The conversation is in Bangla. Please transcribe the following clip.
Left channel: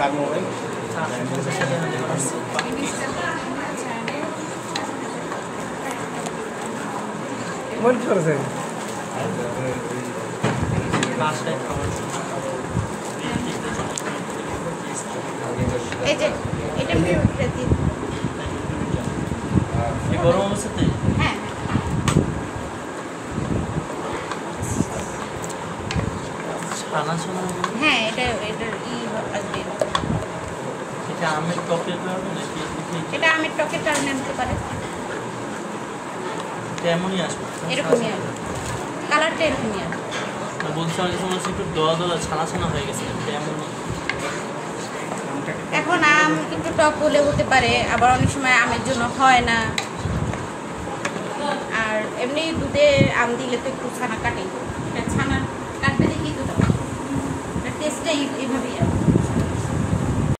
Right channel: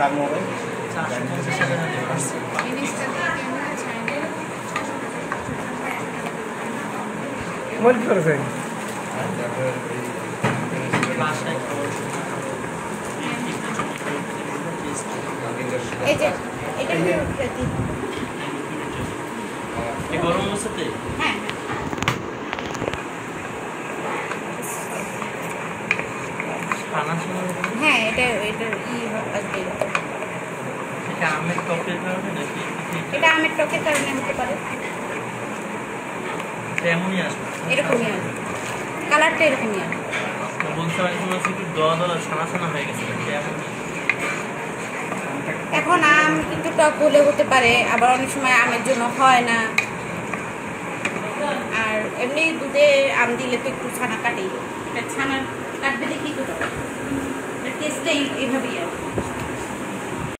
কার মোবাইল মোবাইল কি করেছে এই যে এটা মিউটটা কি এই গরম অবস্থাতে হ্যাঁ খানা সময় হ্যাঁ এটা কি আসবে এটা আমের টকের কারণে নাকি এটা আমের টকের কারণে হতে পারে তেমনই আসবে এরকমই আসবে কালারটা এরকমই আসবে বলছি অনেক সময় একটু দলা দলা ছানা ছানা হয়ে গেছে তেমনই এখন আম কিন্তু টক বলে হতে পারে আবার অনেক সময় আমের জন্য হয় না আর এমনি দুধে আম দিলে তো একটু ছানা কাটেই এটা ছানা কাটবে কি করতে টেস্টটা এইভাবেই আসবে